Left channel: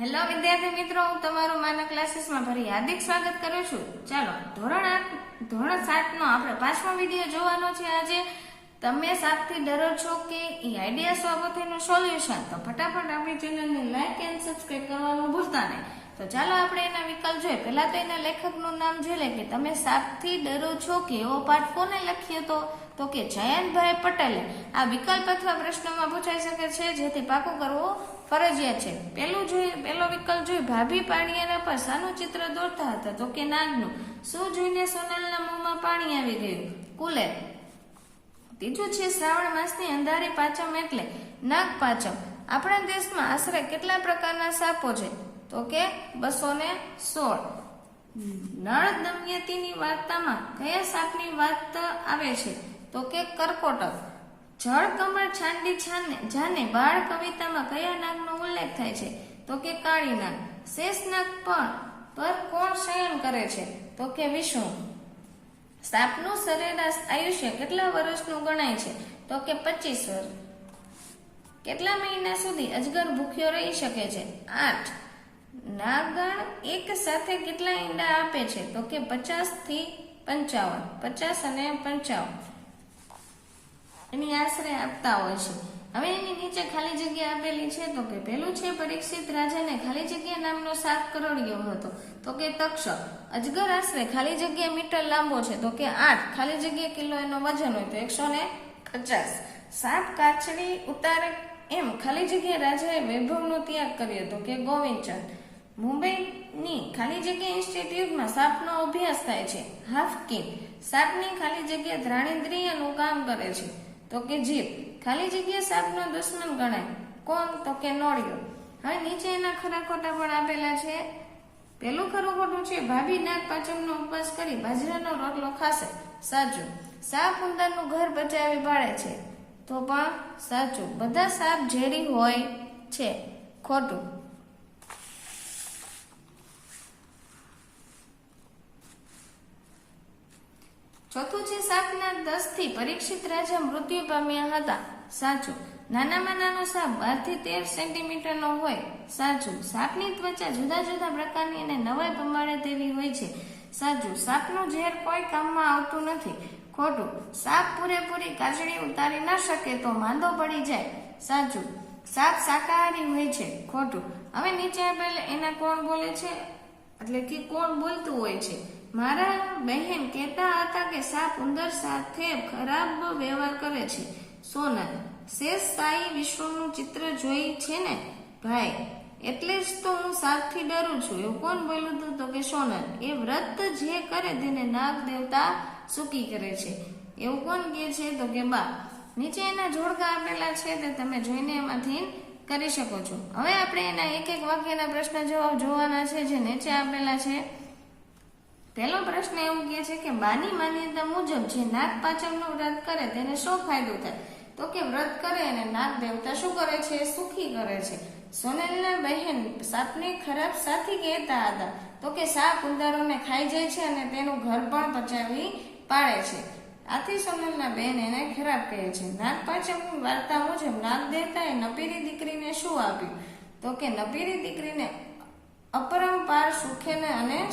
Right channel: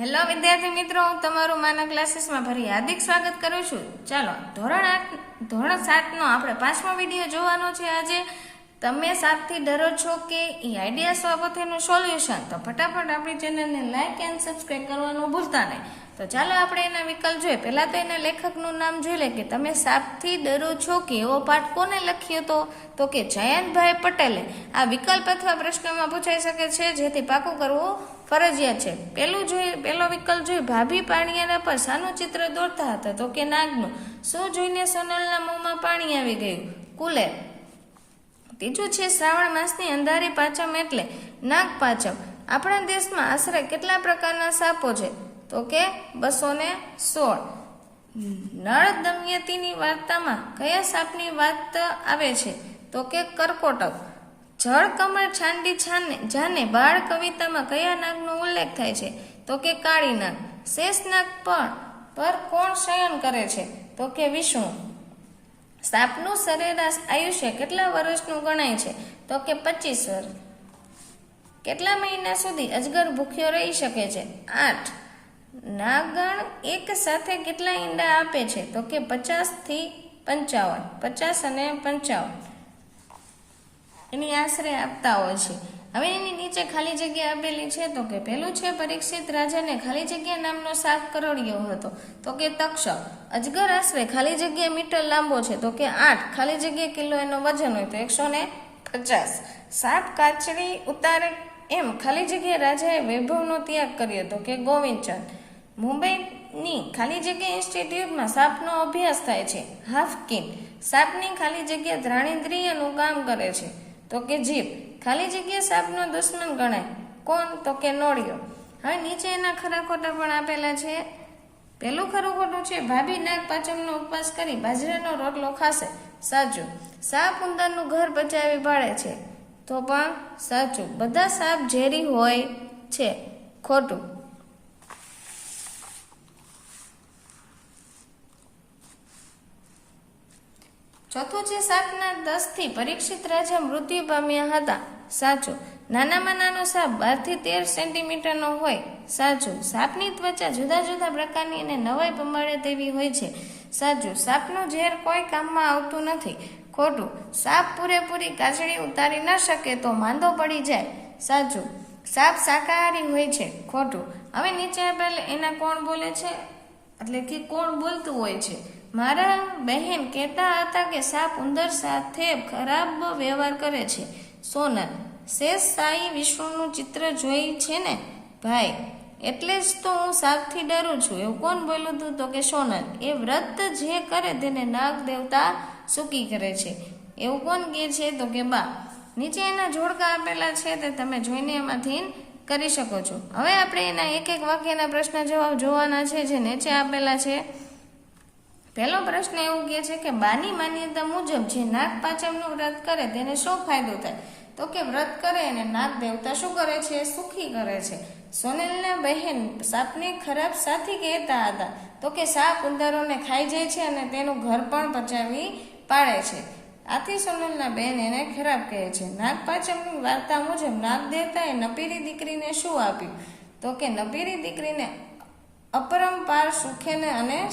Hello વિદ્યાર્થી મિત્રો. હું તમારું માના ક્લાસીસમાં ફરી હાર્દિક સ્વાગત કરું છું. ચાલો, ધોરણ આઠ, ધોરણ સાતનો આપણે પાંચમો વીડિયો જોવાનો છે આજે. તમે સાતથી ડરો છો કે એ આઈડિયા સ્વાગતનું સોલ્યુશન તો ફટાફટ આપણી ચેનલને લાઈક એન્ડ સબસ્ક્રાઈબ કરવાનું ભૂલતા નહીં. તો ચાલો આપણે એના વિકલ્પ જોઈએ. પહેલા તો એના લેખકનું નામ જોઈ લે કે તમે સાપથી ડરો છો કે એવો પાઠ કોને લખ્યો તો? તો કે જયંતભાઈ પટેલે. આ વિકલ્પ અથવા પ્રશ્નમાં પૂછાઈ શકે છે, જેથી પાકો કરવો ફરજિયાત છે. પેલું જોઈએ પેલો વિકલ્પ જોઈએ ભાભી પાણીયાના પર શાનું ચિત્ર દોરતા હતા, તો કે નાગનું. શું જોઈને સોનલના મોંમાં પાણી આવી ગયું? કુલેર ત્રીજું છે, શ્રાવણ માસની અંધારી પાચમ એટલે નાગ પાચમ આપણા દેશમાં આશરે કેટલા પ્રકારના સાપો છે? તો કે બસો ને સોળ. નળ દમયંતીની વાર્તામાં કયા સાપની વાત આવે છે? તો કે કરકોટક. જળ કમળ છાંડી છાને જાને બાળ કવિતામાં કયા નાગનો ઉલ્લેખ થાય છે? તો કે કાળી નાગ. શેષ નાગ પર પર કોણ શયન કરે છે? તો કે વિષ્ણુ. સાપનું સરેરાશ આયુષ્ય કેટલા વર્ષનું ગણાય છે? તો કે પચીસ વર્ષ કેટલા મહિના સુધી અજગર ભૂખ્યો રહી શકે છે? આઠ. નાગણ એક સાથે કેટલા ઈંડા આપે છે? તો કે પચાસથી પંચાવન. પચાસ અને પંચાવન. એની આશરે આપતા હોય છે. હવે એની નીચે ખાલી જગ્યા આપેલી છે તો કે પહેલું છે પરીક્ષિત રાજાને ખાલી જગ્યા નામનો સાપ કરોડિયો હતો. તો કે તક્ષક અજગર આશરે ખાલી જગ્યા મીટર લાંબો છે. તો કે આઠ. ખાલી જગ્યા કિલો એનો વજન હોય તો એકસો ને પચાસ. સાપ કાચરી ઉતારે એમ. ખાલી જગ્યા રાજાએ વૈભવનો ત્યાગ કર્યો હતો કે ગોવિંદચંદ. મુંબઈની ખાલી જગ્યા ઇન્સ્ટિટ્યૂટમાં સાપનો અભ્યાસ થાય છે. હાફકિન સાપની ખાલી જગ્યા ધ્રાણેન્દ્રિયનું કામ કરે છે. તો કે જીભ, ખાલી જગ્યા સાપનો દુશ્મન ગણાય. કોણ? તો કે નોળિયો. હવે નીચે એના ખરા ખોટા પણ આપેલા છે. પેલું ખરું ખોટું છે, ભાભી નાગ પાંચમનો ઉપવાસ કરી બાજરાનો રોટલો ખાશે. સાચું. સાપ ઉંદરનું ઘર બચાવી પાડે છે. તો પણ સાચું. બધા સાપ ઝેરી હોય છે. ખોટું. ચોથું છે સાપના દસથી પરીક્ષિત રાજા મૃત્યુ પામ્યા હતા. સાચું. નાનામાં નાનો સાપ બારથી તેર સેન્ટીમીટરનો હોય. સાચું. સાપની ત્વચા જુદા જુદા પ્રકારની અને નવાઈ પમાડે તેવી હોય છે. સાચું. સાપનું ઝેર કોઈ કામમાં આવતું નથી. ખોટું. સાપ પૂરેપૂરી કાચડી ઉતારી ન શકે તો માંદો પડી જાય. સાચું. સાપ શાકાહારી હોય છે. ખોટું. હવે નીચે આપેલ એના કોણ બોલે છે? એટલે કે કોણ બોલતું હોય છે? મારા બહેન કહેતા હતા કે સાપ ઉંદર સાથે ખરાબ વ્યવહાર કરે છે. સોનલ, શેષ સાઈ વિષ્ણુનું ચિત્ર જોઈ છે ને? ભાઈ, એટલે જ તો હું સાપથી ડરું છું. એવું કોણ બોલ્યું હતું તો કે સોનલ? એ વ્રત જે કરે તેને નાગ દેવતા સુકી કરે છે. એવું કોણ કહે છે તો કે બા? નીચે એના જોડકા આપેલા છે તે તમે જોઈને એમાંથી કરી શકો છો. હવે આપણે એના એક એક વાક્યના પ્રશ્ન જવાબ જોવાના છે જે નીચે આપેલા છે. પહેલો પ્રશ્ન એવું કહે છે કે બાની માન્યતા મુજબ જે નાગ પાંચમનું વ્રત કરે તેને શું ફાયદો થાય? તો કે વ્રત કરે અને નાગ દેવતા શું કરે છે? સુખી કરે છે. સોનેલના બહેન સાપને ખરાબ સાથી કહેતા હતા. તો કે સાપ ઉંદરોને ખાઈ જાય છે અને તેનું ઘર પણ પચાવી પાડે છે. આથી સોનલના બહેન એને ખરાબ કહે છે. નાગ પાંચમની વાર્તા મુજબ નાગ દેવતાએ નપીરી દીકરીને શું આપ્યું? તો કે નપીરી દીકરીને અપરંપાર સુખેને અને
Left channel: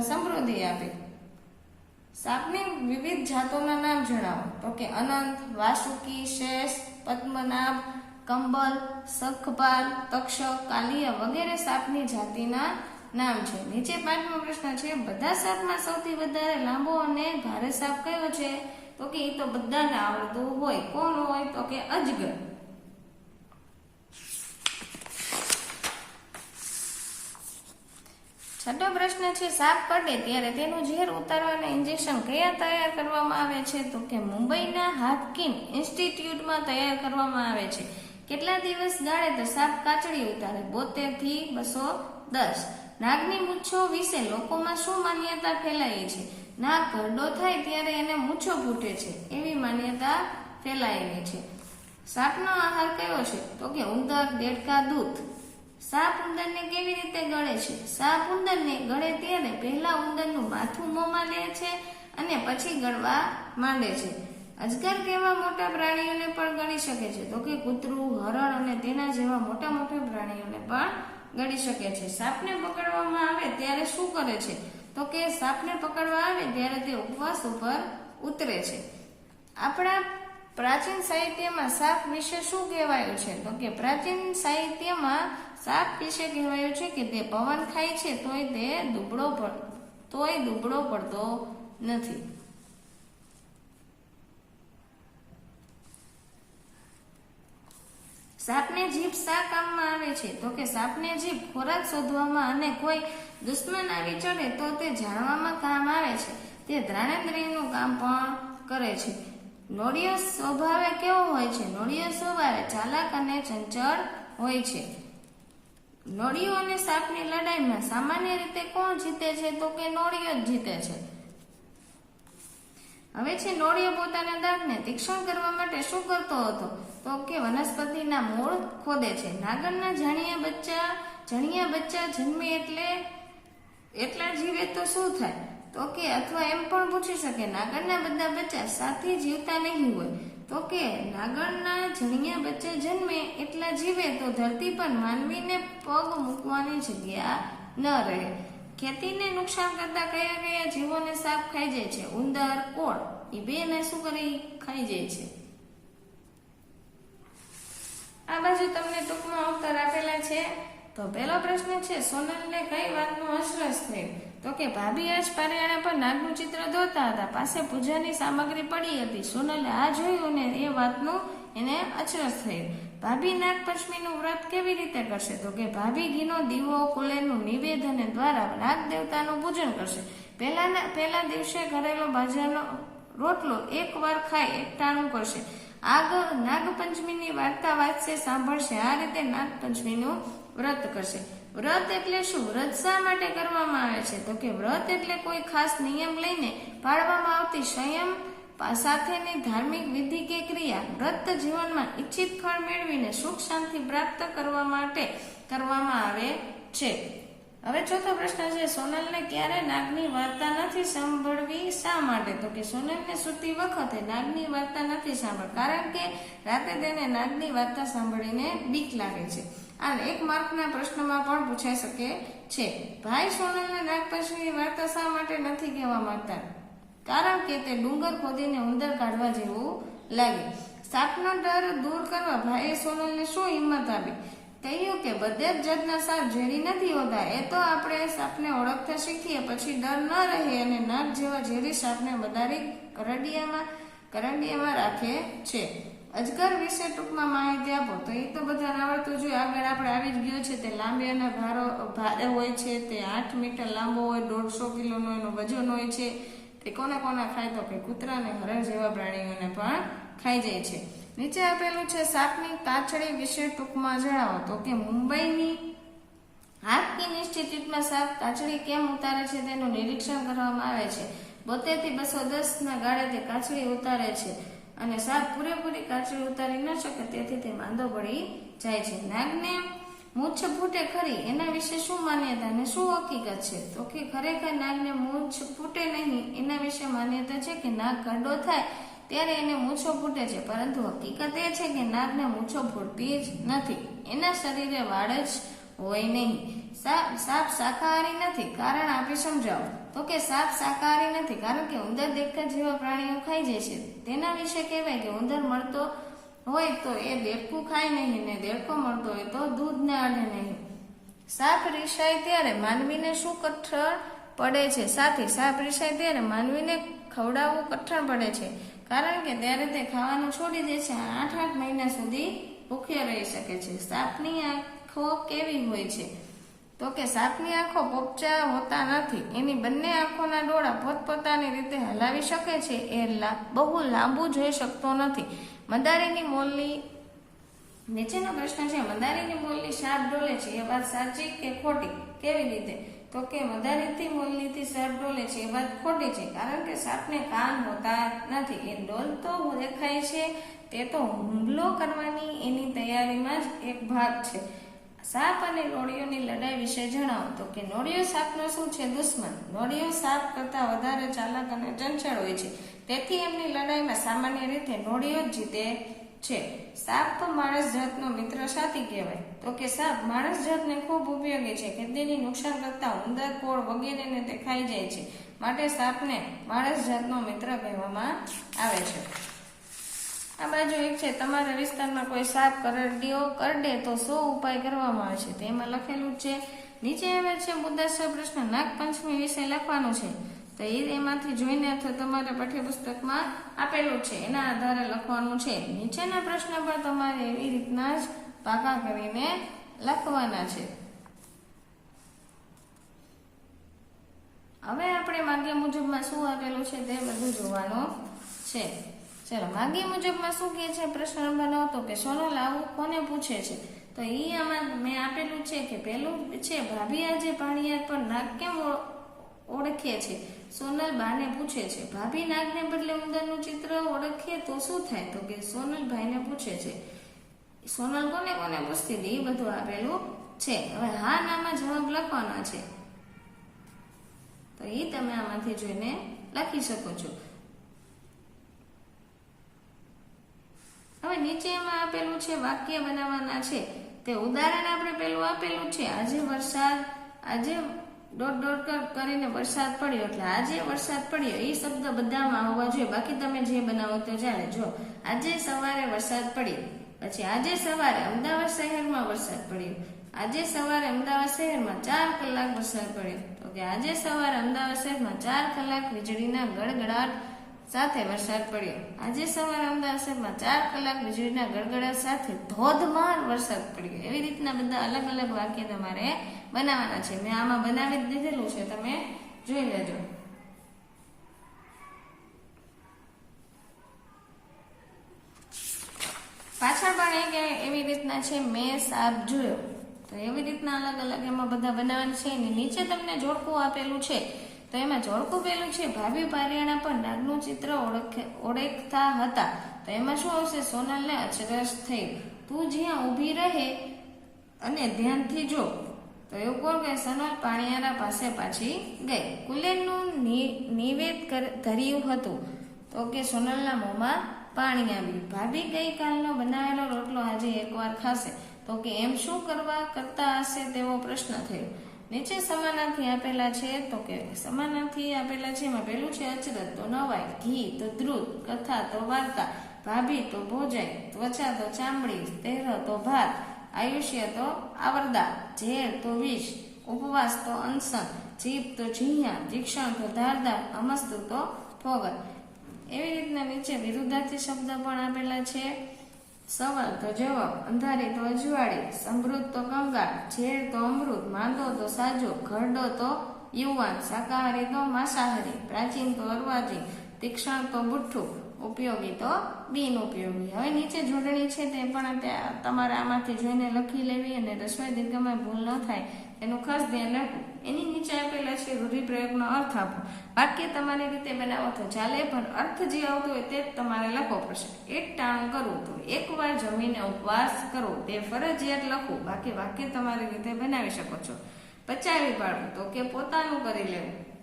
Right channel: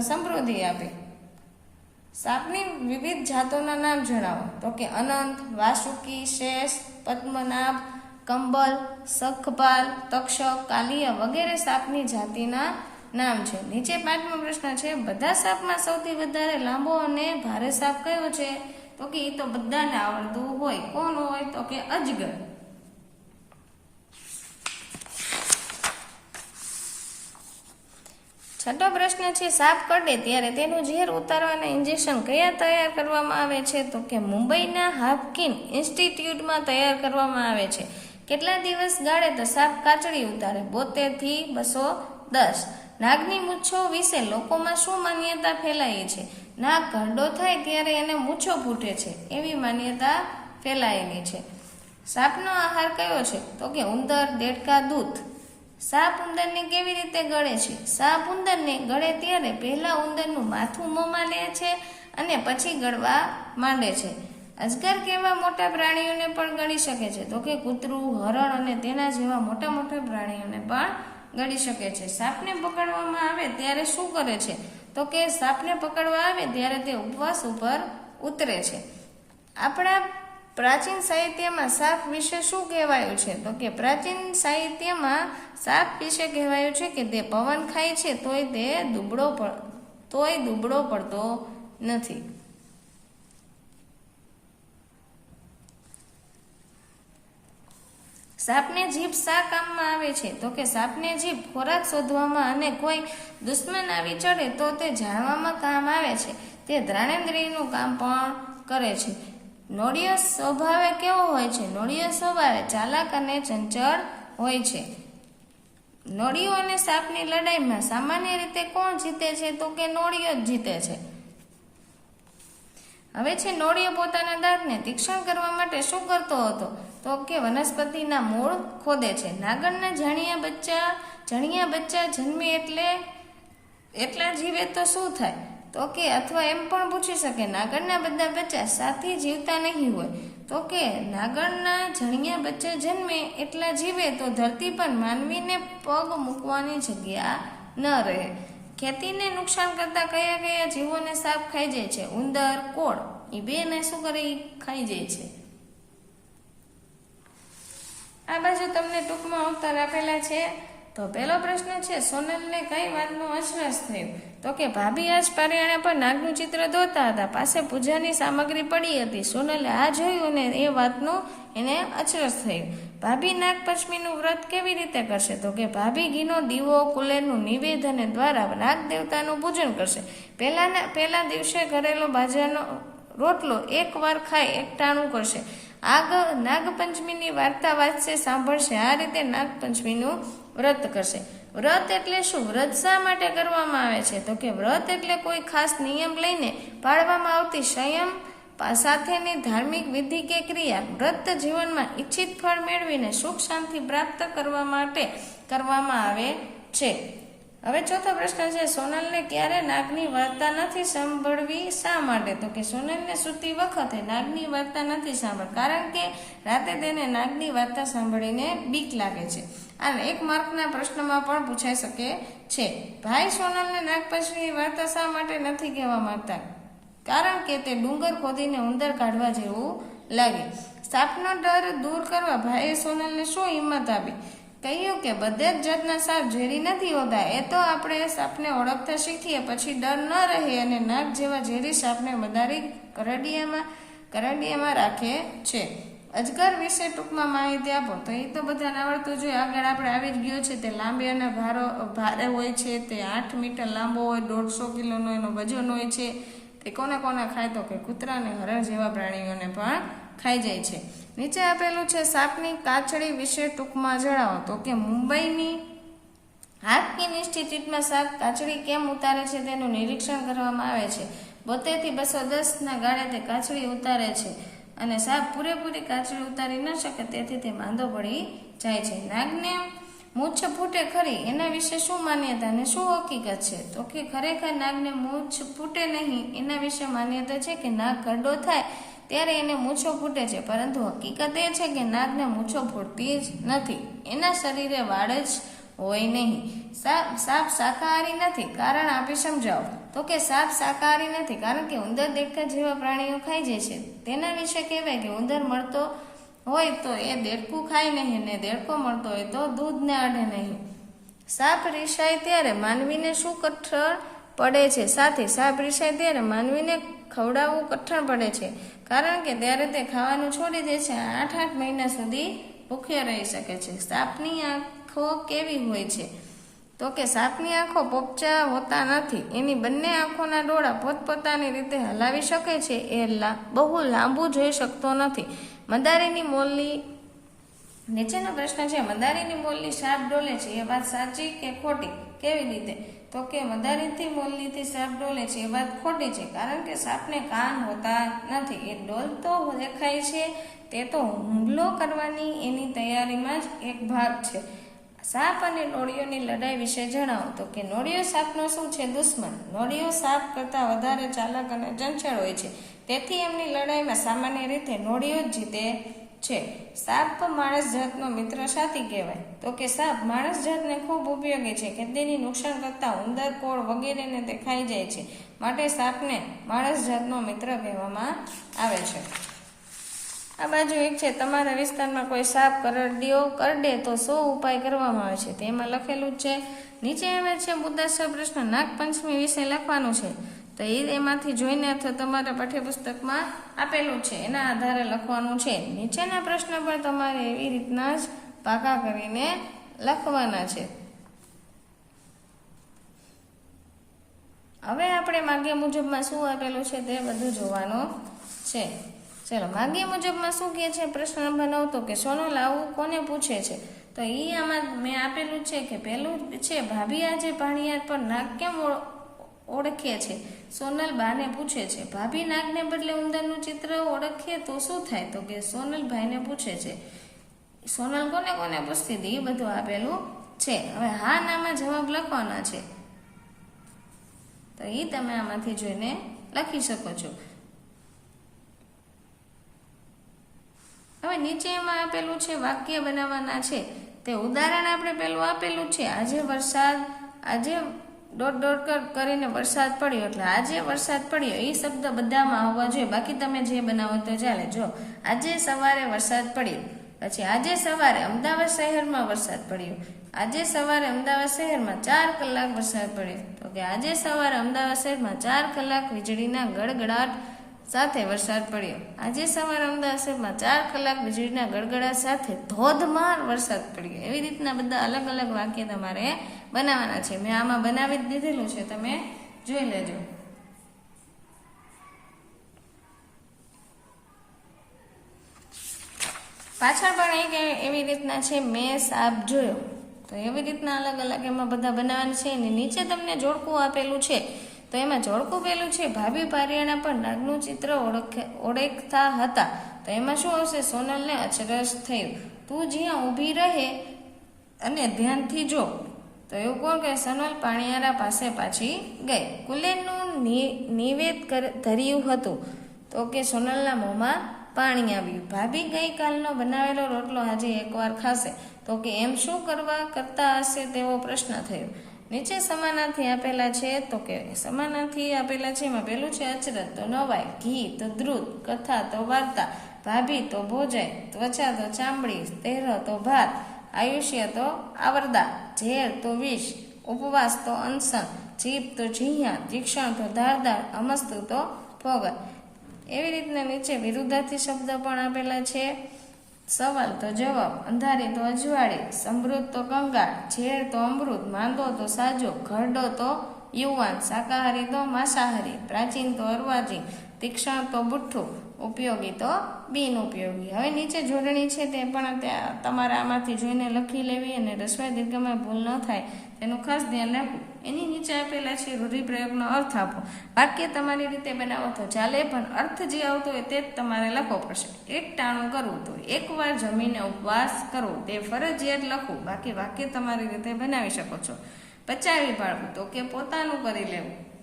સમૃદ્ધિ આપી. સાપની વિવિધ જાતોના નામ જણાવો. તો કે અનંત, વાસુકી, શેષ, પદ્મનાભ, કંબલ, સખપાલ, તક્ષક, કાલિયા વગેરે સાપની જાતિના નામ છે. નીચે પાંચમો પ્રશ્ન છે, બધા સાપમાં સૌથી વધારે લાંબો અને ભારે સાપ કયો છે? તો કે એ તો બધાને આવડતું હોય. કોણ હોય? તો કે અજગર. છઠ્ઠો પ્રશ્ન છે, સાપ કરડે ત્યારે તેનું ઝેર ઉતારવાના ઇન્જેક્શન કયા તૈયાર કરવામાં આવે છે? તો કે મુંબઈના હાફકિન ઇન્સ્ટિટ્યૂટમાં તૈયાર કરવામાં આવે છે. કેટલા દિવસ ગાળે તો સાપ કાચડી ઉતારે? બોતેરથી બસો દસ. નાગની મૂછો વિશે લોકોમાં શું માન્યતા ફેલાઈ છે? નાગ ઘરડો થાય ત્યારે એને મૂછો ફૂટે છે. એવી માન્યતા ફેલાયેલી છે. સાપનો આહાર કયો છે? તો કે ઉંદર, દેડકા, દૂધ. સાપ ઉંદરને કેવી રીતે ગળે છે? સાપ ઉંદરને ગળે ત્યારે પહેલા ઉંદરનું માથું મોંમાં લે છે અને પછી ગળવા માંડે છે. અજગર કેવા મોટા પ્રાણીઓને પણ ગણી શકે છે. તો કે કૂતરું, હરણ અને તેના જેવા મોટા મોટા પ્રાણીઓને પણ ગળી શકે છે. સાપને પકડવામાં આવે ત્યારે શું કરે છે? તો કે સાપને પકડવા આવે ત્યારે તે ઉપવાસ ઉપર ઉતરે છે. આપણા પ્રાચીન સાહિત્યમાં સાપ વિશે શું કહેવાયું છે? તો કે પ્રાચીન સાહિત્યમાં સાપ વિશે કહેવાયું છે કે તે પવન ખાય છે, તોય તે દુબળો તોય દુબળો પડતો નથી. સાપને જીભ શા કામમાં આવે છે? તો કે સાપને જીભ ખોરાક શોધવામાં અને કોઈ દુશ્મન આવી ચડે તો તે જાણવામાં કામ આવે છે. તે દ્રાણેન્દ્રિયનું કામ પણ કરે છે. નોળિયો સ્વભાવે કેવો હોય છે? નોળિયો સ્વભાવે ચાલાક અને ચંચળ હોય છે. નોળિયો અને સાપની લડાઈમાં સામાન્ય રીતે કોણ જીતે છે તો કે નોળિયો જ જીતે છે? હવે છે, નોળિયો પોતાના દાંતને તીક્ષણ કરવા માટે શું કરતો હતો? તો કે વનસ્પતિના મૂળ ખોદે છે. નાગરના જાણિયા બચ્ચા, જણિયા બચ્ચા જન્મે એટલે, એટલા જીવે તો શું થાય? તો કે અથવા એમ પણ પૂછી શકે નાગરના બધા બચ્ચા સાથે જીવતા નહીં હોય. તો કે નાગરના જણિયા બચ્ચા જન્મે એટલા જીવે તો ધરતી પર માનવીને પગ મૂકવાની જગ્યા ન રહે. ખેતીને નુકસાન કરતા કયા કયા જીવોને સાપ ખાઈ જાય છે? ઉંદર, કોળ એ બેને શું કરે? ખાઈ જાય છે. આ બાજુ તમને ટૂંકમાં ઉત્તર આપેલા છે. તો પહેલો પ્રશ્ન છે, સોનલને કઈ વાતનું અસરસ થયું? તો કે ભાભી આજ પારિયાણા પર નાગનું ચિત્ર દોતા હતા, પાસે પૂજાની સામગ્રી પડી હતી. સોનલે આ જોયું ને એ વાતનું એને અચરસ થયું. ભાભી નાગ પંચમીનું વ્રત કેવી રીતે કરશે? તો કે ભાભી ઘીનો દીવો, કુલેરનું નિવેદન દ્વારા નાગ દેવતાનું પૂજન કરશે. પહેલાના, પહેલા દિવસે ઘરેલો બાજરાનો રોટલો એક વાર ખાઈ એકટાણું કરશે. આગ નાગપંચમીની વાર્તા વાંચશે, સાંભળશે. આ રીતે નાગપંચમીનું વ્રત કરશે. વ્રત એટલે શું? વ્રત શા માટે કરવામાં આવે છે? તો કે વ્રત એટલે કોઈ ખાસ નિયમ લઈને પાળવામાં આવતી સંયમ સાથેની ધાર્મિક વિધિ કે ક્રિયા. વ્રત જીવનમાં ઈચ્છિત ફળ મેળવીને સુખ શાંતિ પ્રાપ્ત કરવા માટે કરવામાં આવે છે. હવે ચોથો પ્રશ્ન છે, સોનલને ક્યારે નાગની વાર્તા નથી સાંભળવી? શા માટે? તો કે સોનલને સૂતી વખતે નાગની વાર્તા નથી સાંભળ, કારણ કે રાતે તેને નાગની વાર્તા સાંભળીને બીક લાગે છે. અને એક માર્કના પ્રશ્નમાં પણ પૂછાઈ શકે છે. ભાઈ, સોનલને નાગપંચમીની વાર્તા શા માટે નથી કહેવા માંગતા? કારણ કે તે ડુંગર ખોદીને ઉંદર કાઢવા જેવું લાગે. સાપનો ડર દૂર કરવા ભાઈએ સોનલને શું હિંમત આપી? કહ્યું કે બધે જ જાતના સાપ ઝેરી નથી હોતા, એ તો આપણે સાપને ઓળખતા શીખીએ, પછી ડર ન રહે અને નાગ જેવા ઝેરી સાપને વધારી કરડિયામાં કરડિયામાં રાખે છે. અજગર વિશે ટૂંકમાં માહિતી આપો, તો એ તો બધાને આવડતું જોઈએ આગળ આપણે આવી જ ગયો છે, તે લાંબી અને ભારો, ભારે હોય છે, તે આઠ મીટર લાંબો હોય, દોઢસો કિલોનું એનું વજન હોય છે, તે કોને કોને ખાય તો કે કૂતરા અને હરણ જેવા પ્રાણીઓને પણ ખાઈ જાય છે. નીચે આપેલું છે, સાપની કાચડી વિશે ટૂંકમાં જણાવો. તો કે મુંબઈની હાર્કિન ઇન્સ્ટિટ્યૂટમાં સાપ કાચડી કેમ ઉતારે છે તેનું નિરીક્ષણ કરવામાં આવે છે. બોતેરથી બસો દસના ગાળે તે કાચડી ઉતારે છે અને સાપ પૂરેપૂરી કાચડી ઉતારી ન શકે તેથી તે માંદો પડી જાય છે. નાગને મૂછ ફૂટે ખરી, એના વિશે શું માન્યતા અને શું હકીકત છે? તો કે ખરેખર નાગને મૂછ ફૂટે નહીં, એના વિશે માન્યતા છે કે નાગ કરડો થાય? ત્યારે એને મૂછો ફૂટે છે, પરંતુ હકીકત એ છે કે નાગને મૂછો ફૂટતી જ નથી. એના શરીરે વાળ જ હોય નહીં. સાપ સાપ શાકાહારી નથી. કારણ આપી સમજાવો. તો કે સાપ શાકાહારી નથી, કારણ કે ઉંદર દેડકા જેવા પ્રાણીઓ ખાઈ જાય છે. તેના વિશે કહેવાય કે ઉંદર મળતો હોય તો એ દેડકું ખાય નહીં ને દેડકો મળતો હોય તો દૂધને આડે નહીં. સાપ રિસાય ત્યારે માનવીને શું કઠણ પડે છે. સાથે સાપ રિસાય ત્યારે માનવીને ખવડાવવું કઠણ પડે છે. કારણ કે ત્યારે તે ખાવાનું છોડી દે છે. આઠ આઠ મહિના સુધી ભૂખ્યા રહી શકે છે. સાપની આંખો કેવી હોય છે? તો કે સાપની આંખો પોપચા હોતા નથી. એની બંને આંખોના ડોળા પોતપોતાની રીતે હલાવી શકે છે. એ બહુ લાંબુ જોઈ શકતો નથી. મદારીની મોલની નીચેનો પ્રશ્ન છે, મદારીની મોલની સાપ ડોલે છે? એ વાત સાચી કે ખોટી? કેવી રીતે? તો કે, મદારીથી મોલનીથી સાપ ડોલે છે, એ વાત ખોટી છે, કારણ કે સાપને કાન હોતા નથી. એ ડોલતો દેખાય છે, તે તો હુમલો કરવાની એની તૈયારીમાં જ એક ભાગ છે. સાપ અને નોળિયોની લડાઈ વિશે જણાવો. તો કે નોળિયો સાપનો શું છે? દુશ્મન. નોળિયો સાપ કરતાં વધારે ચાલાક અને ચંચળ હોય છે. તેથી એમની લડાઈમાં સામાન્ય રીતે નોળિયો જ જીતે છે. સાપ માણસ જાતનો મિત્ર સાથી કહેવાય. તો કે સાપ માણસ જાતને ખૂબ ઉપયોગી છે. ખેતીની નુકસાન કરતા ઉંદર, કોળ વગેરેને તે ખાઈ જાય છે. માટે સાપને માણસ જાતનો મિત્ર કહેવામાં આવે છે. આ બાજુ એક છે, તમારા વિસ્તારમાં કોઈ સાપ કરડ્યો કરડે તો શું ઉપાય કરવામાં આવે છે? તેમાં લખેલું છે, નીચે આવે છે મુદ્દાસર પ્રશ્ન નાગપંચમી વિશે લખવાનું છે. તો એ એમાંથી જોઈને અથવા તમારા પાઠ્યપુસ્તકમાં આપેલું છે. એના આધારે લખવાનું છે. નીચેના પ્રશ્ન પણ તમારે એવી રીતના જ પાકા કરીને લખવાના છે. હવે આપણે માગ્ય મુજબમાં શું આપેલું છે તે બધું જોવાનું છે. ચલો, માગ્ય મુજબમાં શું કહે છે પ્રશ્ન નંબર નવ? તો કે સોનો લાવવું કોને પૂછે છે? તો એ આમાં મેં આપેલું છે કે પહેલું છે, ભાભી આજે પાણીયાર પર નાગ કેમ ઓળખે છે. સોનલ બાને પૂછે છે, ભાભી નાગને બદલે ઉંદરનું ચિત્ર ઓળખીએ તો શું થાય? તો કે સોનલ ભાઈને પૂછે છે, સોનલ કોને કોને પૂછતી હતી એ બધું આપેલું છે. હવે હા નામાં જવાબ લખવાના છે. તો એ તમે આમાંથી જોઈને લખી શકો છો. હવે નીચે એમાં આપેલું છે, વાક્ય બનાવવાના છે. તે ઉદાહરણ આપણે પેલું આપેલું છે. આજે વરસાદ, આજે દોઢ કર- કરીને વરસાદ પડ્યો એટલે આજે વરસાદ પડ્યો, એ શબ્દ બધામાં આવવા જોઈએ. બાકી તમે જે બનાવો તો ચાલે. જો, આજે સવારે વરસાદ પડ્યો, પછી આજે સવારે અમદાવાદ શહેરમાં વરસાદ પડ્યો, આજે સવારે અમદાવાદ શહેરમાં ચાર કલાક વરસાદ પડ્યો. તો કે આજે સવારે અમદાવાદ શહેરમાં ચાર કલાક વીજળીના ગડગડાટ સાથે વરસાદ પડ્યો. આજે સવારે અમદાવાદ શહેરમાં ચાર કલાક વીજળીના ગડગડાટ સાથે ધોધમાર વરસાદ પડ્યો. એવી રીતના બધા અલગ અલગ વાક્ય તમારે બનાવવાના છે. મેં આમાં બનાવી જ દીધેલું છે. તમે જોઈ લેજો. પાછળ પણ એક એવી રીતના છે, મેં સાપ જોયો. તો એવી રીતના અલગ અલગ એમાં બધા બનાવવાના છે. અને નીચે તમને જોડકું આપેલું છે. તો એમાં જોડકું પેલું છે. ભાભી પારિયાણા પર નાગનું ચિત્ર ઓળખ, ઓળખતા હતા. તો એમાં શું આવશે? સોનલને અચરજ થયું. તું જ્યાં ઊભી રહે અને ધ્યાનથી જો. તો એવું કોણ કે સોનલ પાણિયારા પાસે પાછી ગઈ. કુલેનનું નિવેદ ધર્યું હતું. તો કે સોનલના મોંમાં પાણી આવ્યું. ભાભી ગઈકાલનો બનાવેલો રોટલો આજે એકવાર ખાશે. તો કે એમ શું કરવા કરતા હશે તેવો પ્રશ્ન થયો. નીચે સમાનાર્થી આપેલા છે, તો કે સમાનાર્થી આપેલા છે, એમાં પેલું છે અચરત તો નવાય ઘી, તો દ્રુત, કથા, તો વાર્તા, ભાભી, તો ભોજન, ત્વચા, તો ચામડી તેરો તો ભાત, આયુષ્ય, તો આવરદા, ઝેર, તો વિષ, ઉપવાસ, તો અનશન, જીભ, તો ઝીયા જીક્ષણ તો ધારદાર, અમસ્તુ, તો ભોગત એવી રીતના નીચે વિરુદ્ધાર્થી શબ્દ પણ આપેલા છે. સવાલ તો જવાબ, અંધારી તો અજવાળી, સમૃદ્ધ તો કંગાળ, ઝેર તો અમૃત, માંદો તો સાજો, ઘરડો તો યુવાન, શાકાહારી તો માંસાહારી, પ્રાચીન તો અર્વાચીન તીક્ષણ તો બુઠ્ઠું ઉપયોગી તો બિન ઉપયોગી હવે નીચે જોડણી છે તે પણ તમારે આમાંથી જોઈને લખી લેવી અને રસોઈ દીર્ઘમાં ભૂલ ન થાય એનું ખાસ ધ્યાન રાખવું. એની નીચે આપેલા છે રૂઢિપ્રયોગનો અર્થ આપો. વાક્ય તમારી રીતે બનાવો તો ચાલે, પણ અર્થ જે આવતો હોય તે જ તમારે લખવો પડશે. એક ટાણું કરવું તો એકવાર જમીને ઉપવાસ કરવો તે ફરજિયાત લખવું બાકી વાક્ય તમારી રીતે બનાવી શકો છો. પચાવી પાડવું તો કે પોતાનું કરી લેવું.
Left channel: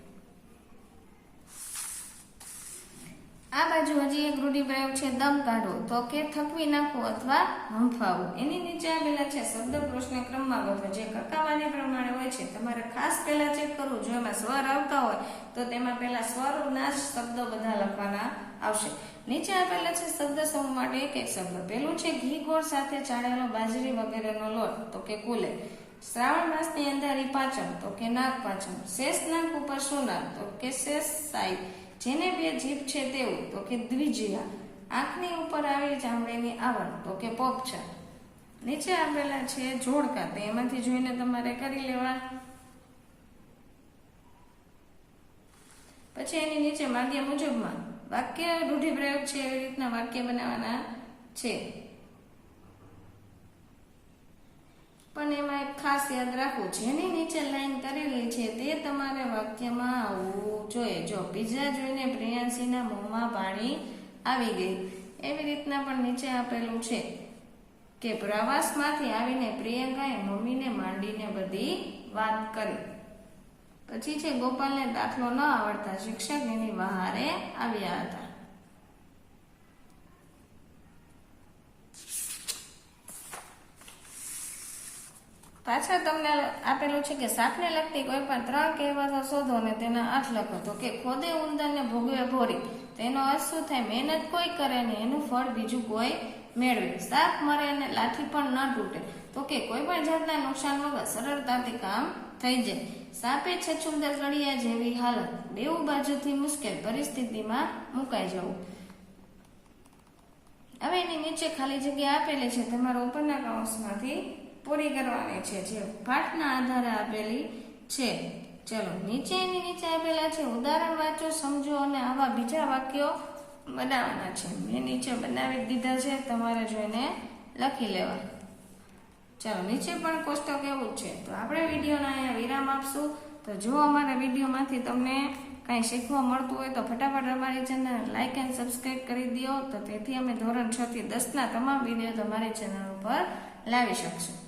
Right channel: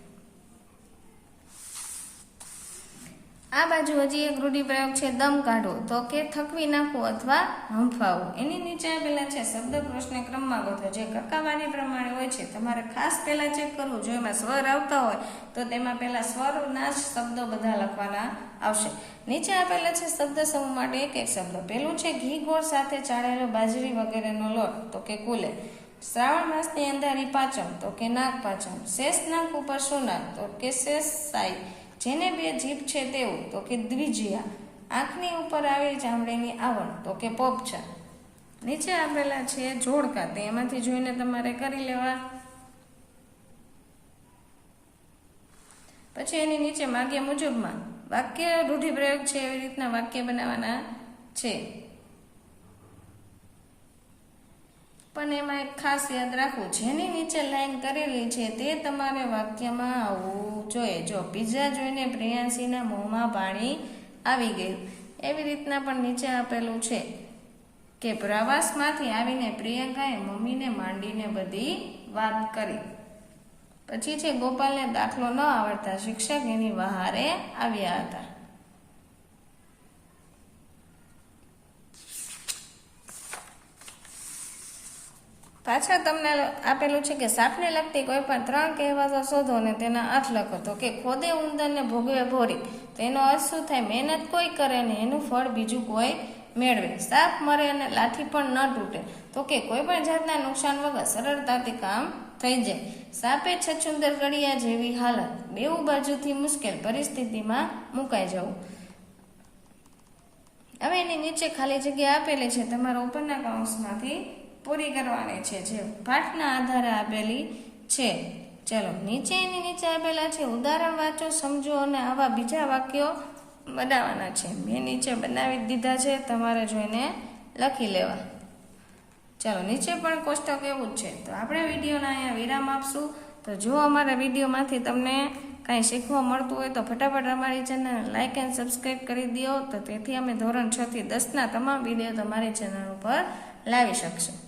આ બાજુ હજી એક રૂઢિપ્રયોગ છે, દમ કાઢવો તો કે થકવી નાખવું અથવા હંફાવવું એની નીચે આપેલા છે, શબ્દ પ્રશ્ન ક્રમમાં ગોઠવો જે કકાવાની પ્રમાણે હોય છે, તમારે ખાસ પહેલા ચેક કરવું જો એમાં સ્વર આવતા હોય, તો તેમાં પહેલા સ્વરના જ શબ્દો બધા લખવાના આવશે. નીચે આપેલા છે, શબ્દ સમૂહ માટે એક એક શબ્દ. પેલું છે, ઘી ગોળ સાથે ચાળેલો બાજરી વગેરેનો લોટ. તો કે કુલે. શ્રાવણ માસની અંધારી પાચમ. તો કે નાગ પાચમ. શેષ નાગ ઉપર સોનાર તો કે શેષ સાઈ. જેને બે જીભ છે તેવું તો કે દ્વિજયા. આંખની ઉપર આવેલી ચામડીની આવરણ, તો કે પોપચા નીચે આપેલા છે જોડકા, તે એમાંથી જોઈને તમારે કરી લેવા. પછી એની નીચે માગ્યા મુજબમાં વાક્ય રૂઢિપ્રયોગ છે એવી રીતના વાક્ય બનાવવાના છે. પણ એમાં એક ખાસ યાદ રાખવું, જેની નીચે લાઈન કરેલી છે તે તમારે વાક્યમાં આવવું જોઈએ. જો પીઝા જોઈને પ્રિયાંશીના મોંમાં પાણી આવી ગયું, એવી રીતના પણ નીચે આપેલું છે કે પ્રવાસમાંથી આવીને પ્રિયંકાએ મમ્મીને માંડીને બધી વાત કરી. પછી છે, ગોપાલને દાખલો ન આવડતા શિક્ષક એની વહારે આવ્યા હતા. પાછળ તમને આપેલું છે કે સાપને લગતી કોઈ પણ ત્રણ કહેવતો શોધો અને તેના અર્થ લખો. તો કે ખોદે ઉંદરને, ભોગવે ભોરી. તેનો અર્થ શું થાય? મહેનત કોઈ કરે ને એનું ફળ બીજું કોઈ મેળવે. સાપ મરે અને લાઠી પણ ન તૂટે. તો કે કોઈ પણ જાતના નુકસાન વગર સરળતાથી કામ થઈ જાય. સાપે છછુંદર કડિયા જેવી હાલત. બેઉ બાજુથી મુશ્કેલ પરિસ્થિતિમાં મુકાઈ જવું. હવે એની નીચે ખાલી જગ્યા આપેલી છે. તમારા ઉપરના કૌંસમાંથી પૂરી કરવાની છે, જે પાઠના આધારે આપેલી છે. ચલો નીચે એની નીચે આપેલા છે. ઉદાહરણ વાંચો, સમજો અને આવા બીજા વાક્યો બનાવવાના છે. મેં નીચે બનાવી દીધા છે. તમારે જોઈને લખી લેવા. ચાલો, નીચે પણ કોષ્ટક એવું છે. તો આપણે વિડીયોના અહીંયા વિરામ આપશું. તો જો અમારા વિડીયોમાંથી તમને કાંઈ શીખવા મળતું હોય તો ફટાફટ અમારી ચેનલ લાઇક એન્ડ સબસ્ક્રાઈબ કરી દો. તો તેથી અમે ધોરણ છથી દસના તમામ વીડિયો તમારી ચેનલ ઉપર લાવી શકશું.